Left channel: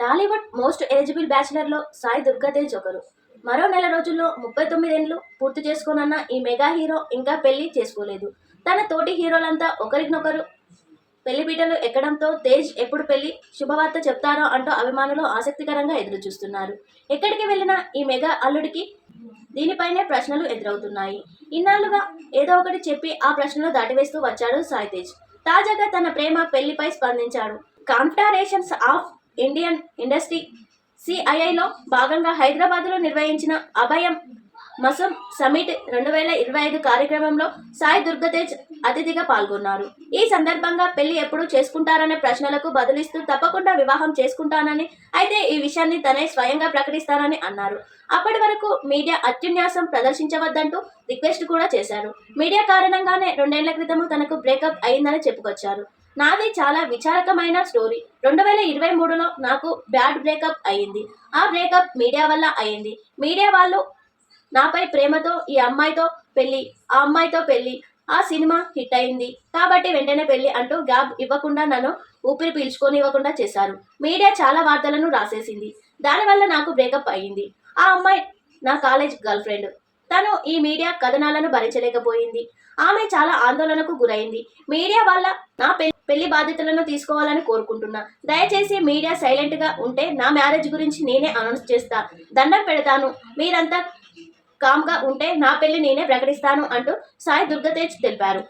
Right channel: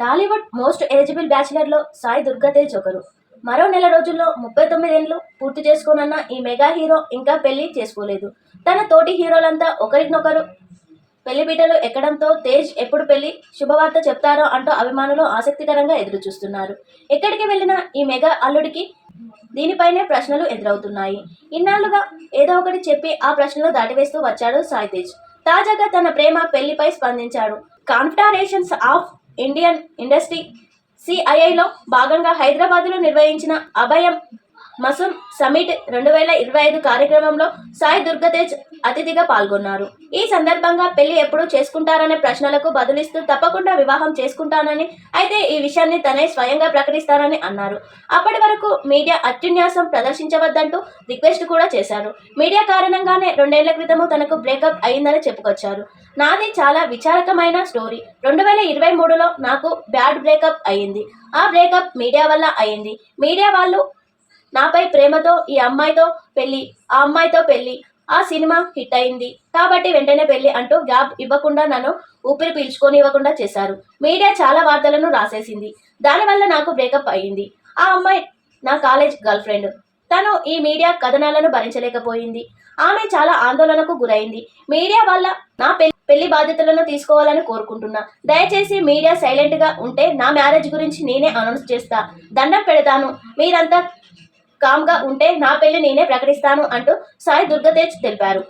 Tollywood most ఏజిబుల్ బ్యాచిలర్లో Sai దుర్గాతేజ్ ఒకరు. మరో నెల రోజుల్లో ముప్పై తొమ్మిదేండ్లు పూర్తి చేసుకోనన్న ఈ మెగా హీరో ఇంకా పెళ్ళి చేసుకోలేదు. తన తోటి హీరోలంతా ఒకరినొకరు పెళ్ళి పీటలు ఎక్కడంతో తేజ్ ఎప్పుడు పెళ్ళి శుభవార్త చెప్తారో అంటూ అభిమానులు ఆసక్తికరంగా ఎదురు చూస్తున్నారు ఎక్కడికి వెళ్ళినా ఈ మెగా అల్లుడికి దీనిపైనే ప్రశ్నలు ఎదురవుతున్నాయి. ఇన్నాళ్ళుగా ఏదో ఒకటి చెప్పి ఆ ప్రశ్నలు దాటివేస్తూ వచ్చాడు సాయి తేజ్. తాజాగా తన ప్రేమ పెళ్ళిపై స్పందించాడు. కాన్ఫిడరేషన్స్ ఆఫ్ ఇండియన్ ఇండస్ట్రీ సిఐఐలో భాగంగా హైదరాబాద్లో నిర్వహించిన అభయం మసం సమిట్ రెండు వేల ఇరవై ఐదు కార్యక్రమంలో సాయి దుర్గతేజ్ అతిథిగా పాల్గొన్నారు. ఈ సందర్భంగా పెళ్ళి ఎప్పుడు చేసుకుంటారనే ప్రశ్నలకు బదులిస్తూ తప్పకుండా వివాహం చేసుకుంటానని అయితే ఈ విషయాన్ని తనే స్వయంగా ప్రకటిస్తానని అన్నారు. అప్పటి వరకు మీడియా అత్యున్యాసం ప్రదర్శించవద్దంటూ రిక్వెస్ట్ కూడా చేశారు. మీడియా కారణంగానే రెండేళ్ళ క్రితము తనకు బ్రేకప్ అయిందని చెప్పుకొచ్చారు. నాది చాలా విచారకమైన స్టోరీ. రెండు వేల ఇరవై మూడులో నాకు బ్యాడ్ బ్రేకప్ అయ్యింది ఆ బ్రేకప్ మీడియా వల్ల అయ్యింది మీడియా వాళ్ళు నాపై ప్రేమతో ఈ అమ్మాయితో పెళ్ళి ఆ అమ్మాయితో పెళ్ళి ఆ సినిమా హిట్ అయింది. కాబట్టి వెంటనే పెళ్ళి అంటూ గ్యాప్ ఇవ్వకుండా నన్ను ఊపిరి పీల్చుకొని ఇవ్వకుండా చేశారు. మీడియా చాలా వార్తలను రాసేసింది. దానివల్ల నాకు బ్రేకప్ అయ్యింది ఆ అమ్మాయి నా కాలేజ్ గర్ల్ ఫ్రెండ్. తను ఈ మీడియా కథనాలను భరించలేకపోయింది. ఆమె చాలా ఆందోళనకు గురైంది. మీడియా వల్ల నా పె- పెళ్ళి బాధ్యతలను తీసుకోవాలని కోరుకుంటున్నా. దయచేసి మీడియా సైలెంట్గా ఉంటే నా మ్యారేజ్ గురించి నేనే అనౌన్స్ చేస్తా. దండం పెడతాను. మీరంతా కామ్గా ఉంటే నా పెళ్ళి నేనే ప్రకటిస్తాను అంటూ సాయి దుర్గతేజ్ తెలిపారు.